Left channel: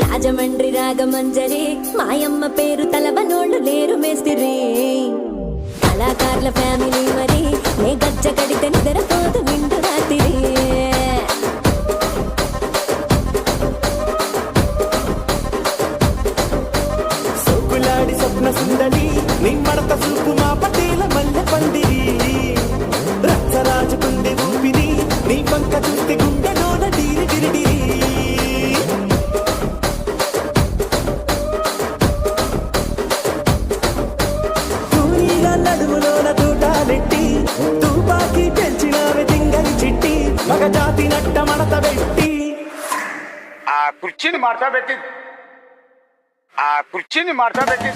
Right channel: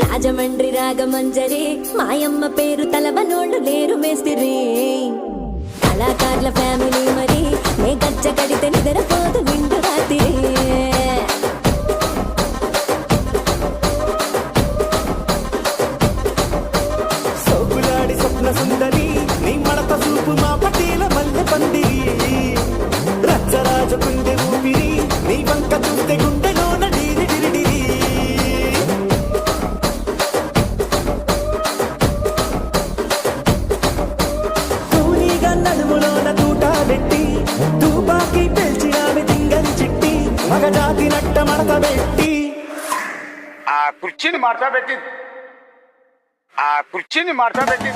రాజమండ్రి రాగమంజరి మాయమ్మ పేరు తలవనోళ్ళు లేరు మేస్తిరి కళాకారుల ఫ్యామిలీ మరి నే గజ్జ కడితే నిద్రపోదు నిండు రాత్రి ఆ కుర్చీని మార్చబెట్టి ఆ కుర్చీని మార్చబెట్టి